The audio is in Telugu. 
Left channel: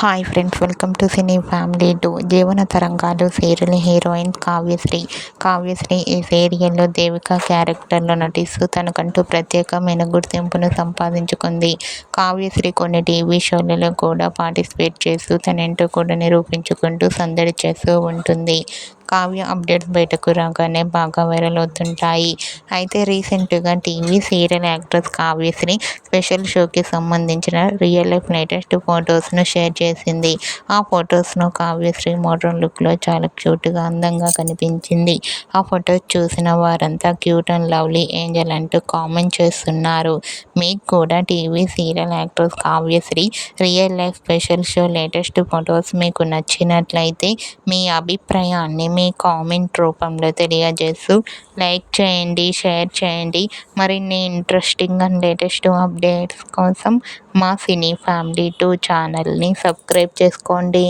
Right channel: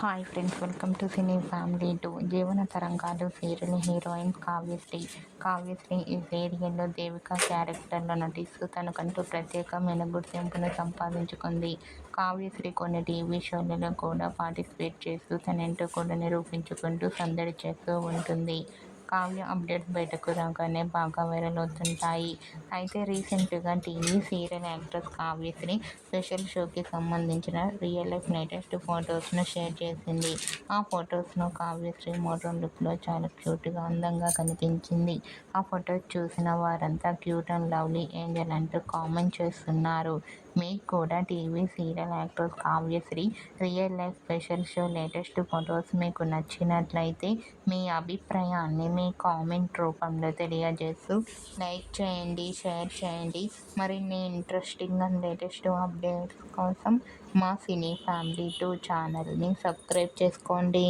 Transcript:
Hi friends, welcome to cine family 2. జీవన తరంగాలు సీరియల్ హీరోయిన్ కావ్యశ్రీ ఈ సీరియల్లో దేవిక క్యారెక్టర్లో నటిస్తూ తనకంటూ ప్రత్యేకమైన గుర్తింపును సంపాదించుకుంది. కావ్యశ్రీ కొన్ని టీవీ షోలలో కూడా పార్టిసిపేట్ చేస్తూ తనేంటో కూడా నిరూపించుకుంటూ సందడి చేస్తూ ఉంటుంది. కావ్య అప్డేట్స్ బయటకు రాగానే బాగా వైరల్ అవుతుంటాయి. అయితే రీసెంట్గా TV serial actress Kavyasri special షోకి సంబంధించిన రియల్ లైఫ్ లేటెస్ట్ ఫొటోస్ను షేర్ చేసింది. ఆ ఫొటోస్ను కావ్యశ్రీ మోడ్రన్ లుక్లో చాలా క్యూట్గా అందంగా కనిపించింది. ఆ ఫొటోస్ చూసిన వారంతా క్యూట్ అండ్ లవ్లీ ఏంజల్ అంటూ కామెంట్ చేస్తున్నారు. మీకు కూడా TV serial actress Kavyasri real life special show latest photos మీకు నచ్చినట్లయితే మీ అభిప్రాయాన్ని మీ కామెంట్ రూపంలో తెలియజేస్తూ లైక్ చేయండి, షేర్ చేయండి. మరిన్ని ఇంట్రెస్టింగ్ అండ్ లేటెస్ట్ అప్డేట్స్ కోసం మా సినీ ఫ్యామిలీ 2 ఛానల్ని సబ్స్క్రైబ్ చేసుకోండి.